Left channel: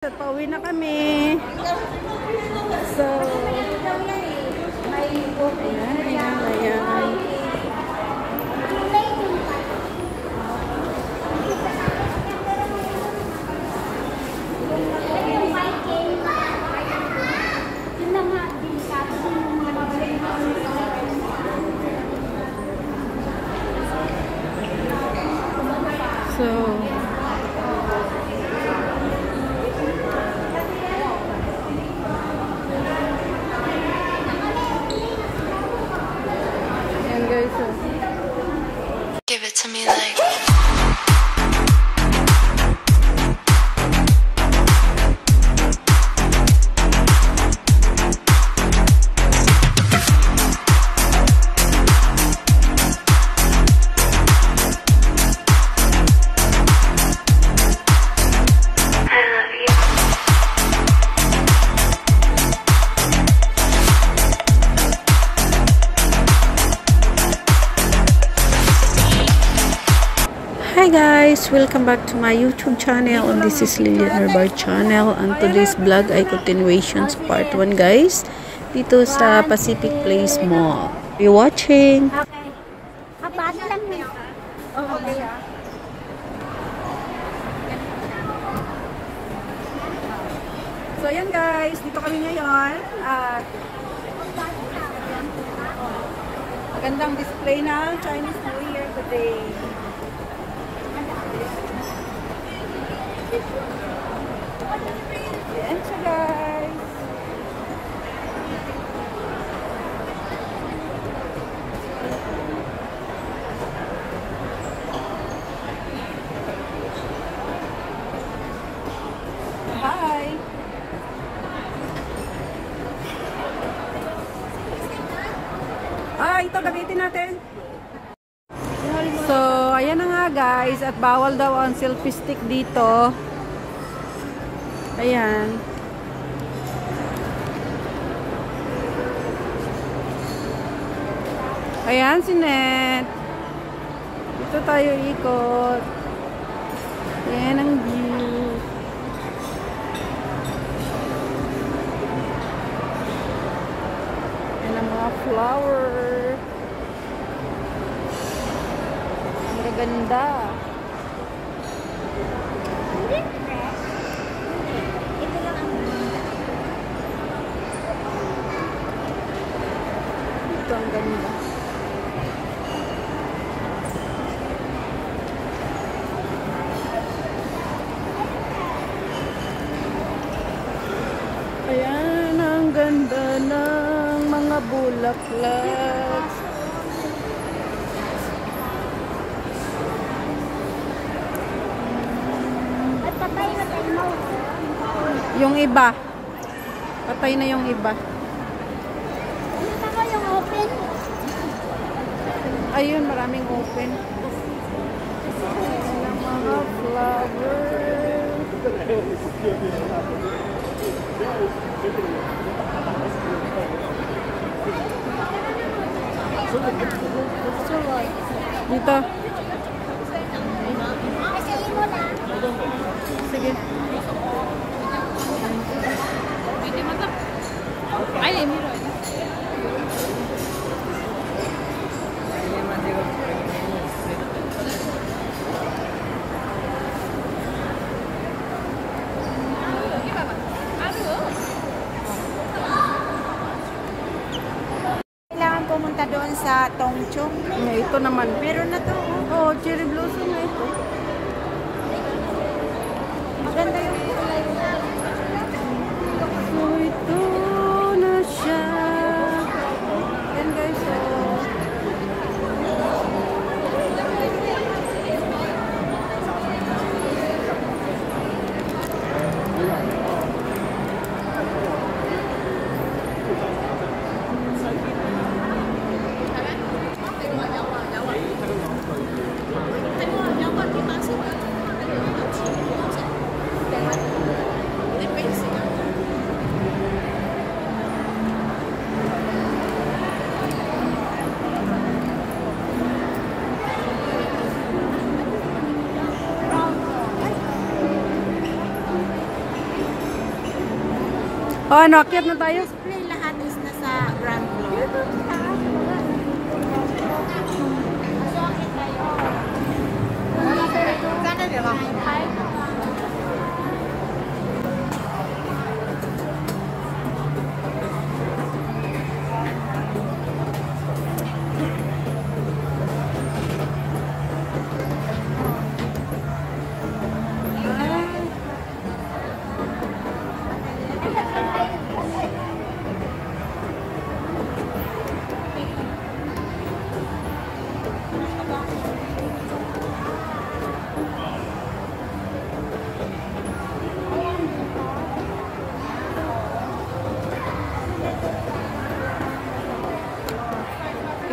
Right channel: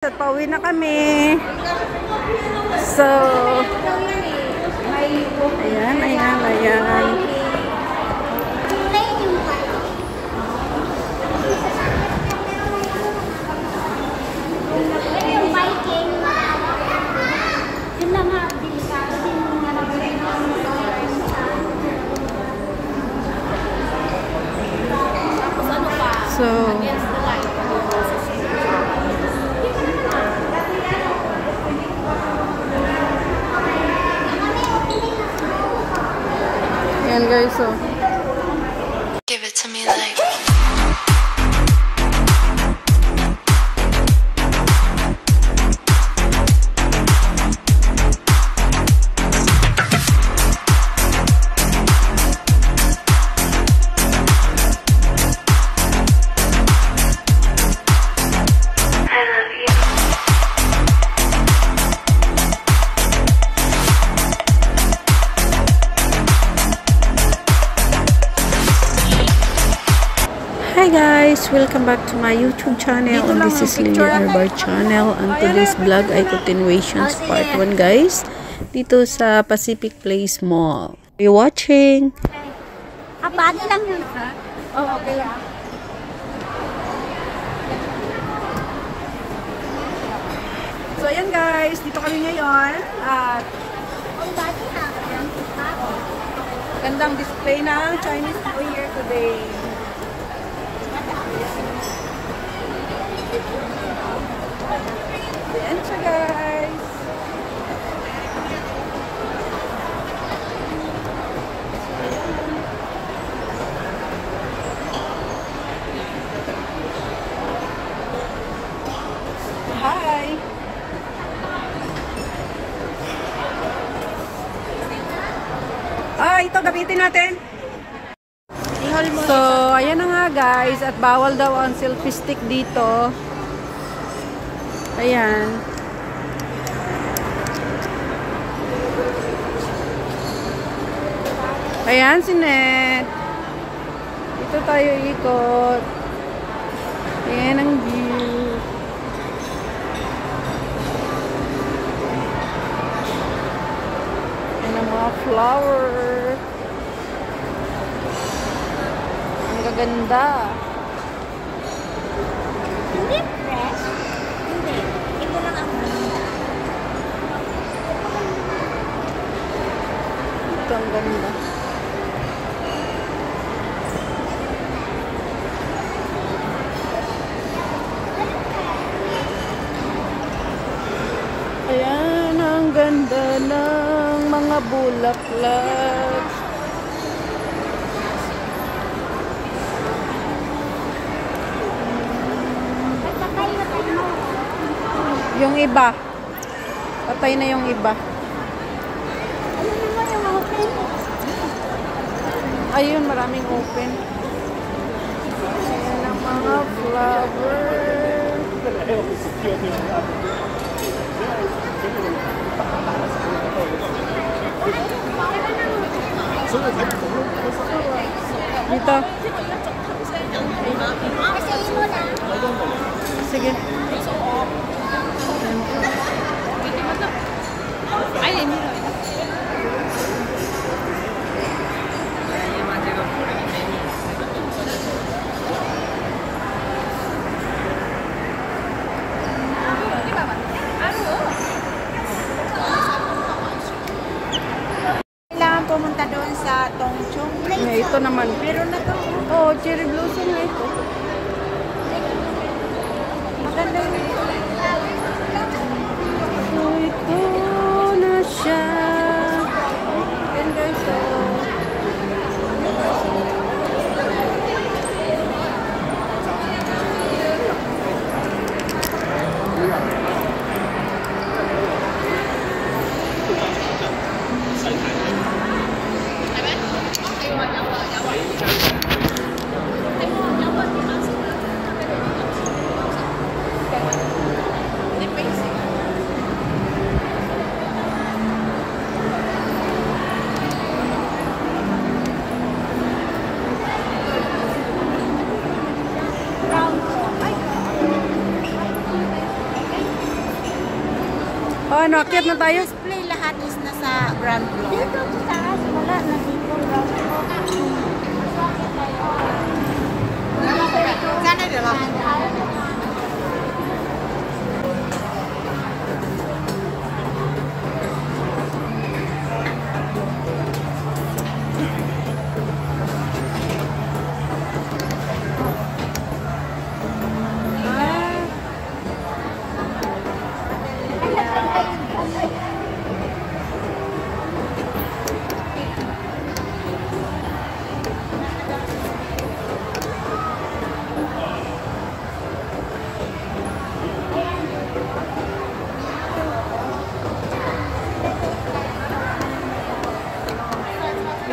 At pauwi na kami. So, ayan. So, ayan guys, so give it to me like hi guys, welcome back to my YouTube channel, and this is Lily Arbar channel, and today's vlog ay continuations part 1 guys, dito sa Pacific Place Mall. Are you watching? Abad lang yun. Okay. So ayan guys, dito kami ngayon at gandang display ng Chinese New Year today. Ayan siya guys. Hi! Ito gamitin natin. So, ayan na nga guys, at bawal daw ang selfie stick dito. Ayan. Ayan si Net. Dito tayo ikot. Ayan ang view. Ayan ang mga flower. Ang gaganda. Ito ang ganda. Ayan ang ganda ng mga bulaklak. Yung iba. Patay na yung iba. Ayun, maraming open. Ayan ang mga flowers. Dito. Sige. Kailangan pumunta doon sa Tongchung. Ito naman. Meron na to. Oh, cherry blossom nga ito. So, ito na siya. Ganda ito. Oh, ano, akyat na tayo? Display lahat is nasa ground floor. Sana dito.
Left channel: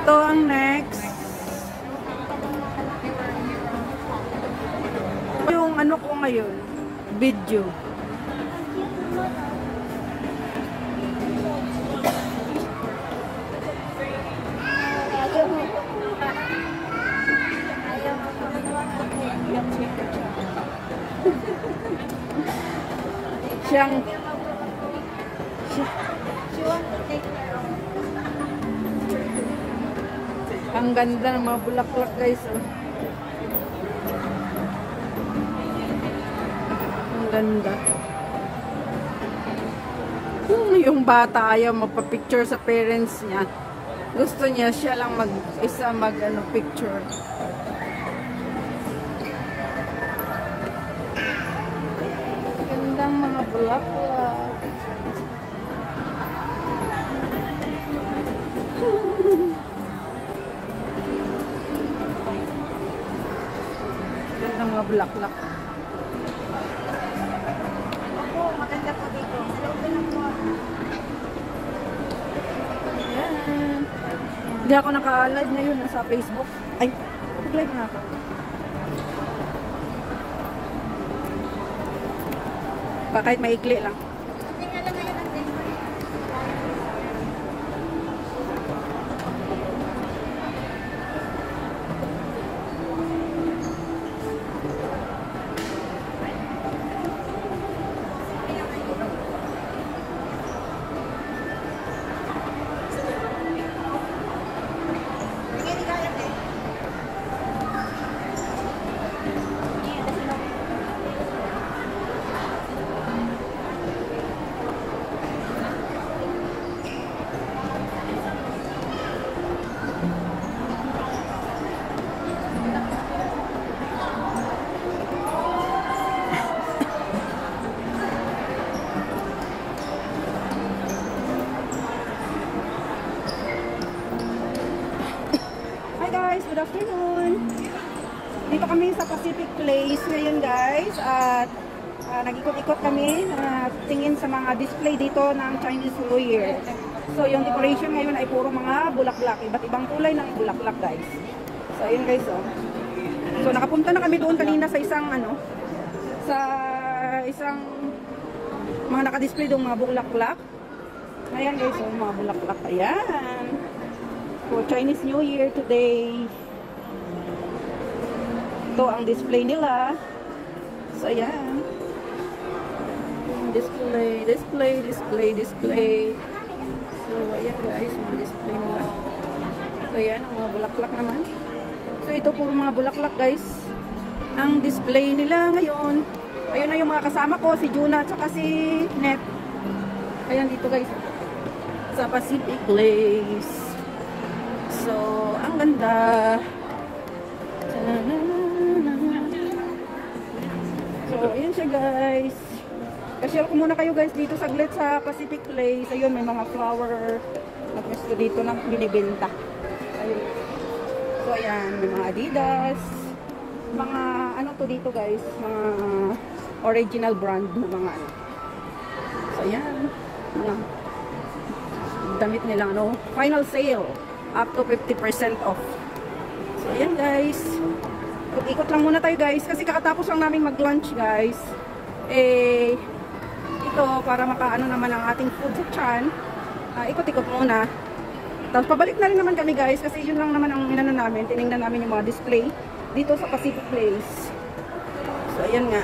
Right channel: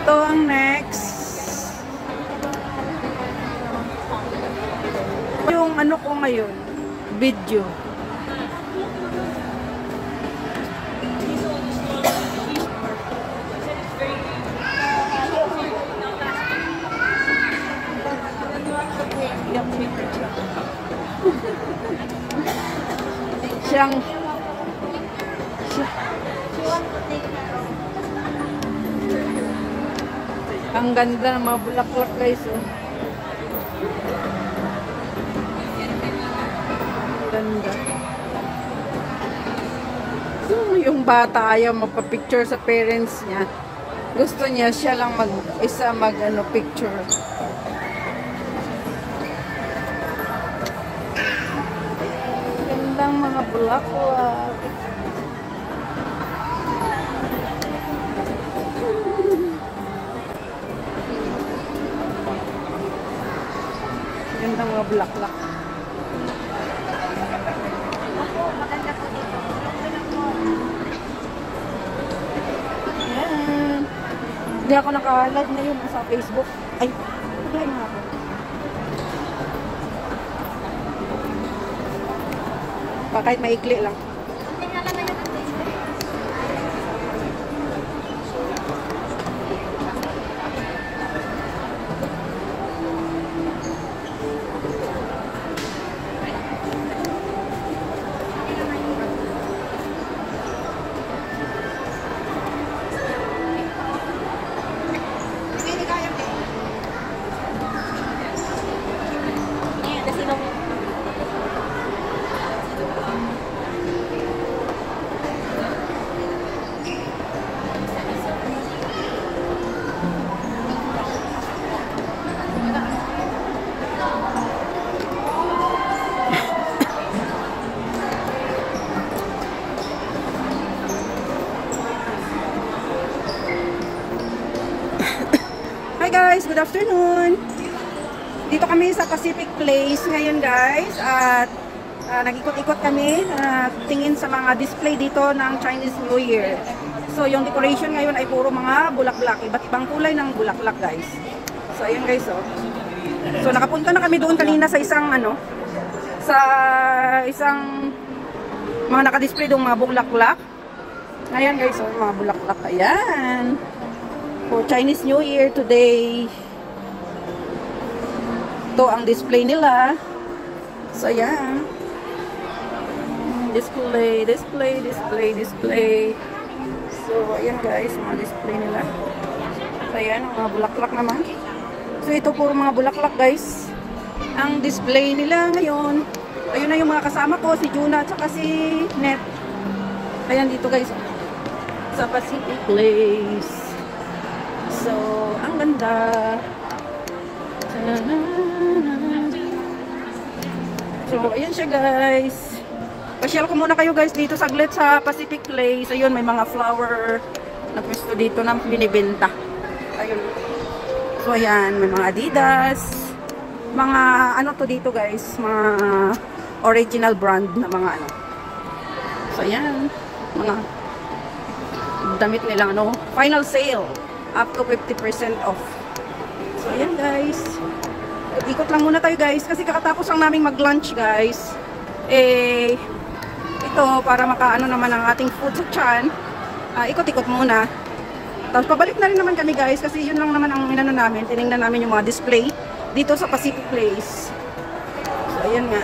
Ito ang next. Yung ano ko ngayon, video. Siyang ang ganda ng mga bulaklak guys. Oh. Ang ganda. Yung bata ayaw magpa-picture sa parents niya. Gusto niya siya lang mag-isa picture. Gandang mga bulaklak. Gandang mga bulaklak. Hindi ako naka-live ngayon sa Facebook. Ay, nag-live na ako. Kahit maikli lang. Hi guys, good afternoon. Dito kami sa Pacific Place ngayon guys at nag-ikot-ikot kami tingin sa mga display dito ng Chinese New Year. So yung decoration ngayon ay puro mga bulaklak, iba't ibang kulay ng bulaklak guys. So ayun guys oh. So nakapunta na kami doon kanina sa isang mga naka-display doon mga bulaklak. Ayan guys, oh, mga bulaklak ayan. For Chinese New Year today. Ito ang display nila. So, ayan. Display. So, ayan guys, mga display nila. So, ayan, mga bulaklak naman. So, ito puro mga bulaklak guys. Ang display nila ngayon. Ayun na yung mga kasama ko, si Juna at saka si Net. Ayan dito guys. Sa Pacific Place. So, ang ganda. So, ayan siya guys. Pasyal ko muna kayo guys dito saglit sa Pacific Place. Ayun, may mga flower na pwesto dito na binibenta. Ayun. So, ayan, may mga Adidas. Mga, ano to dito guys, mga original brand na mga ano. So, ayan. Mga damit nila, ano, final sale. Up to 50% off. So, ayan guys. Ikot lang muna tayo guys. Kasi kakatapos lang namin mag-lunch guys. Ito, para makaano naman ang ating food sa tiyan. Ikot-ikot muna. Tapos pabalik na rin naman kami guys. Kasi yun lang naman ang inano namin. Tinignan namin yung mga display. Dito sa Pacific Place. So, ayan nga.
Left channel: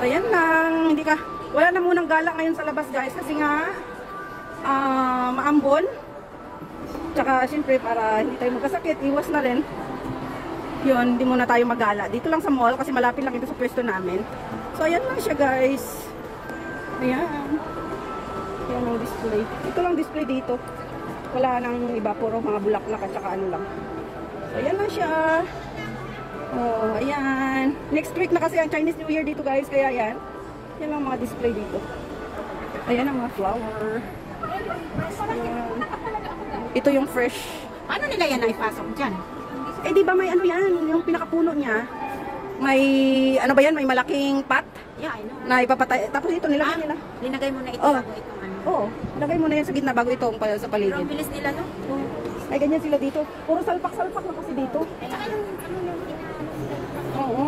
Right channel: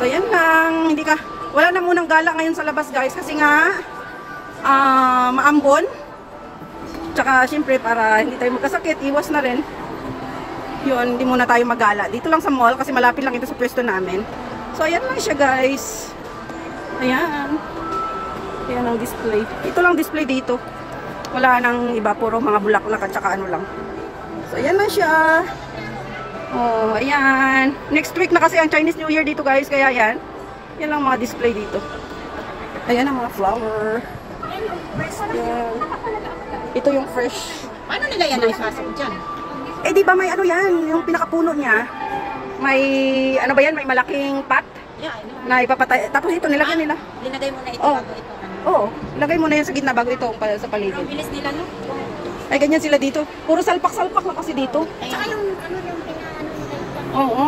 So yan lang, wala na munang gala ngayon sa labas guys kasi nga maambon. Tsaka syempre para hindi tayo magkasakit, iwas na rin. Yun, hindi muna tayo magala. Dito lang sa mall kasi malapit lang ito sa pwesto namin. So ayan lang siya guys. Ayan. Ayan ang display. Ito lang display dito. Wala nang iba, puro mga bulaklak at saka ano lang. So ayan lang siya. Oh, ayan. Next week na kasi ang Chinese New Year dito guys, kaya yan. Yan lang mga display dito. Ayan ang mga flower. Ayan. Ito yung fresh. Ano nila yan ay pasok dyan? Eh di ba may ano yan, yung pinakapuno niya. May ano ba yan, may malaking pot Yeah, I know. na ipapatay. Tapos ito nilagay nila. Linagay mo na ito Oh. bago ito ano. Oo, ilagay mo na yan sa gitna bago ito sa Ang paligid. bilis nila no? Ay ganyan sila dito. Puro salpak-salpak na kasi dito. Tsaka yung ano yung pinaano. Oo.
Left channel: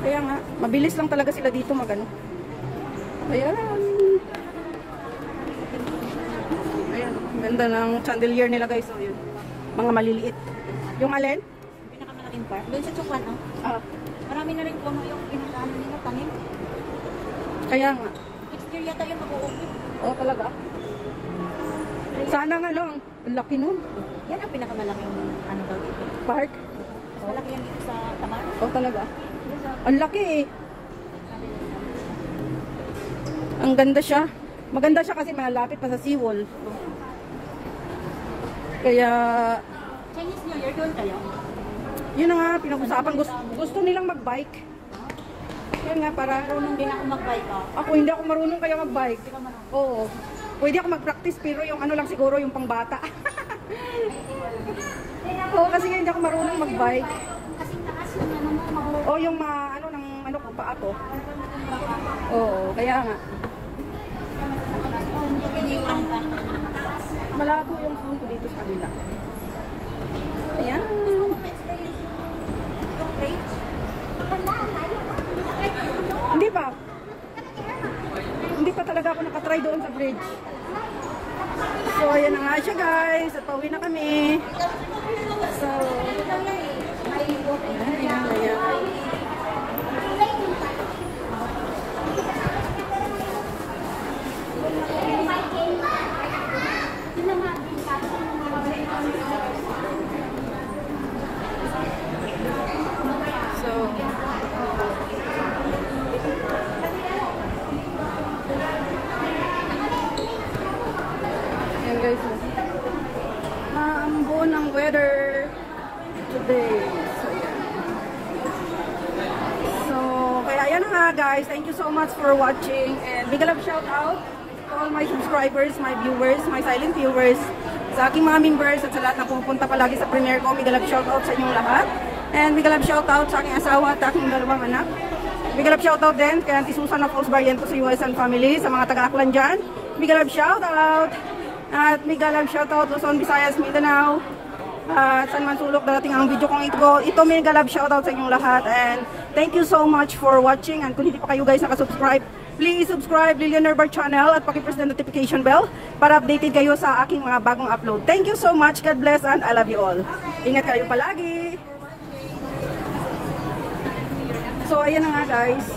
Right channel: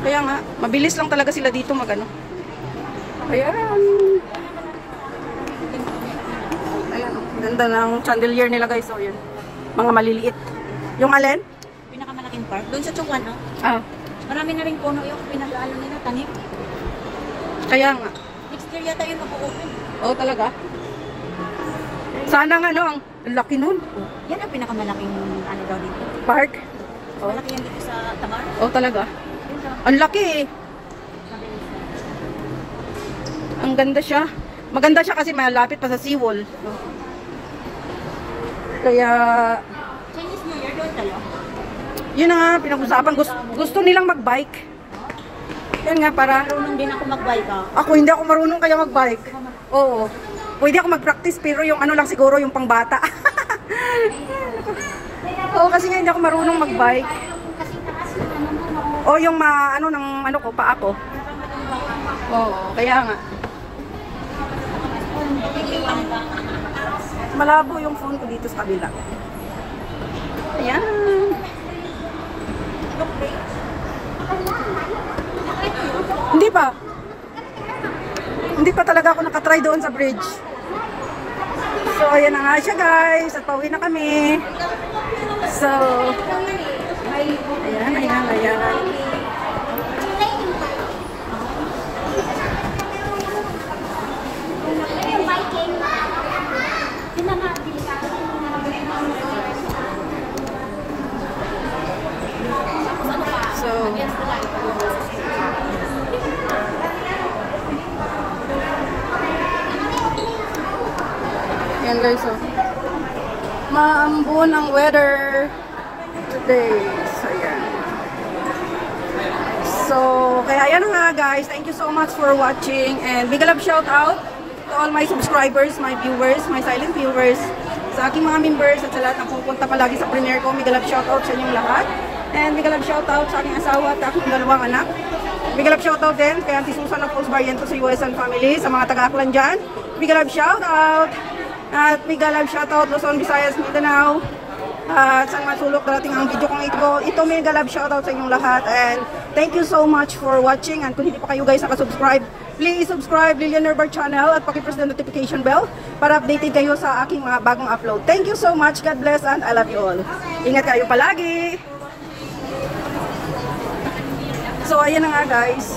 Kaya nga, mabilis lang talaga sila dito magano. Ayan. Ayan. Ganda ng chandelier nila guys. So yun. Mga maliliit. Yung alin? Pinakamalaking park. Doon sa Chongwan no? Ah, Marami na rin puno yung pinakaano nila tanim. kaya nga. Next year yata yun mag-open. Oo talaga. Sana nga no, ang laki nun. Yan ang pinakamalaking ano daw dito. Park. Malaki yan dito sa Tamar. Oo talaga. Ang laki eh. Ang ganda siya. Maganda siya kasi malapit pa sa seawall. Kaya, Chinese New Year doon kayo? yun na nga, pinag-usapan. Gusto nilang mag-bike. Yan nga, para... Marunong din ako mag-bike ah. Ako, hindi ako marunong kaya mag-bike. Oo. Pwede ako mag-practice, pero yung ano lang siguro, yung pangbata. Oo, kasi nga hindi ako marunong mag-bike. Kasing taas yung ano mo. O yung ano ng ano ko, paa ko. Oo, kaya nga. Yung ano ba? Malabo yung phone ko dito sa kabila. Ayan. Hindi pa. Hindi pa talaga ako nakatry doon sa bridge. So, ayan na nga siya guys. At pauwi na kami. So, ayan. So, ayan guys, oh. Maambon ang weather today. So, ayan. So, kaya ayan nga guys. Thank you so much for watching. And big love shout out to all my subscribers, my viewers, my silent viewers, sa aking mga members at sa lahat na pupunta palagi sa premiere ko. Big love shout out sa inyong lahat. And big love shout out sa aking asawa at aking dalawang anak. Big love shout out din kay Auntie Susan ng Cruz Barrientos sa US and family, sa mga taga-Aklan dyan. Big love shout out. At big love shout out Luzon, Visayas, Mindanao. Saan man sulok darating ang video kong ito may galab shoutout sa inyong lahat, and thank you so much for watching. And kung hindi pa kayo guys nakasubscribe, please subscribe Lilian Nerbar channel at pakipress the notification bell para updated kayo sa aking mga bagong upload. Thank you so much, God bless, and I love you all. Ingat kayo palagi. So ayan na nga guys.